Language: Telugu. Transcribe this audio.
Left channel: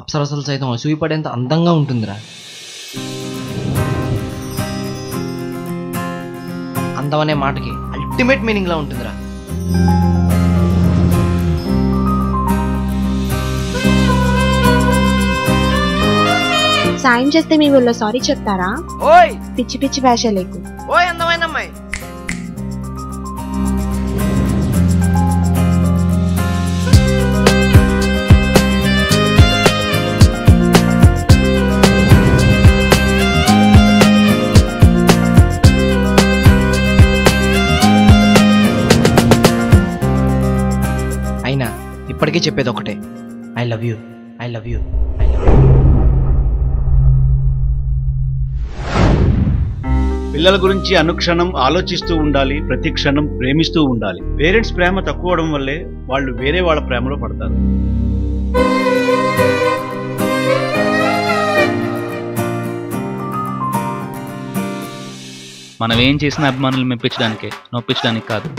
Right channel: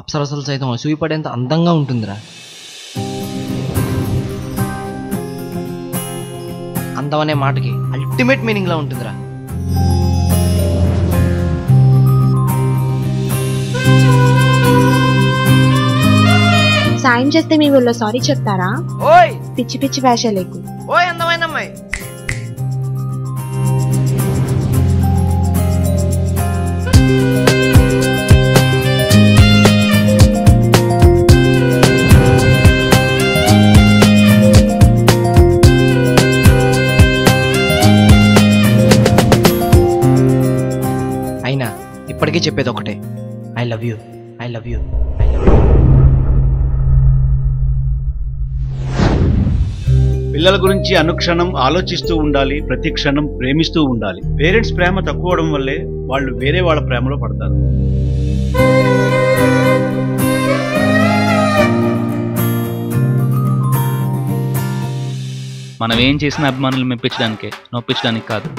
అప్సరసలు సైతం అసూయపడేంత అందంగా ఉంటుందిరా. అందం అనే మాటకి అల్టిమేట్ మీనింగ్ లా ఉంటుందిరా. సాయం చేస్తే మీ ఊళ్ళో సారీ చెప్తారా? ఓయ్ పిచ్చి పిచ్చి భాష లేకు. ఓయ్ అందమైన అమ్మాయి. అయినా ఇప్పటికీ చెప్పేది ఒకటే, I love you, I love you, I love you. పిల్లల గురించి అనుక్షణం ఆలోచిస్తూ ఉండాలి, ప్రతి క్షణం ప్రేమిస్తూ ఉండాలి. పేరెంట్స్ ప్రేమ తక్కువడం వల్లే వాళ్ళు వేరే వాళ్ళ ప్రేమలో పడతారు. మనం ఏం చేసిన అభిమానులు మెప్పించడానికే, నొప్పించడానికి కాదు.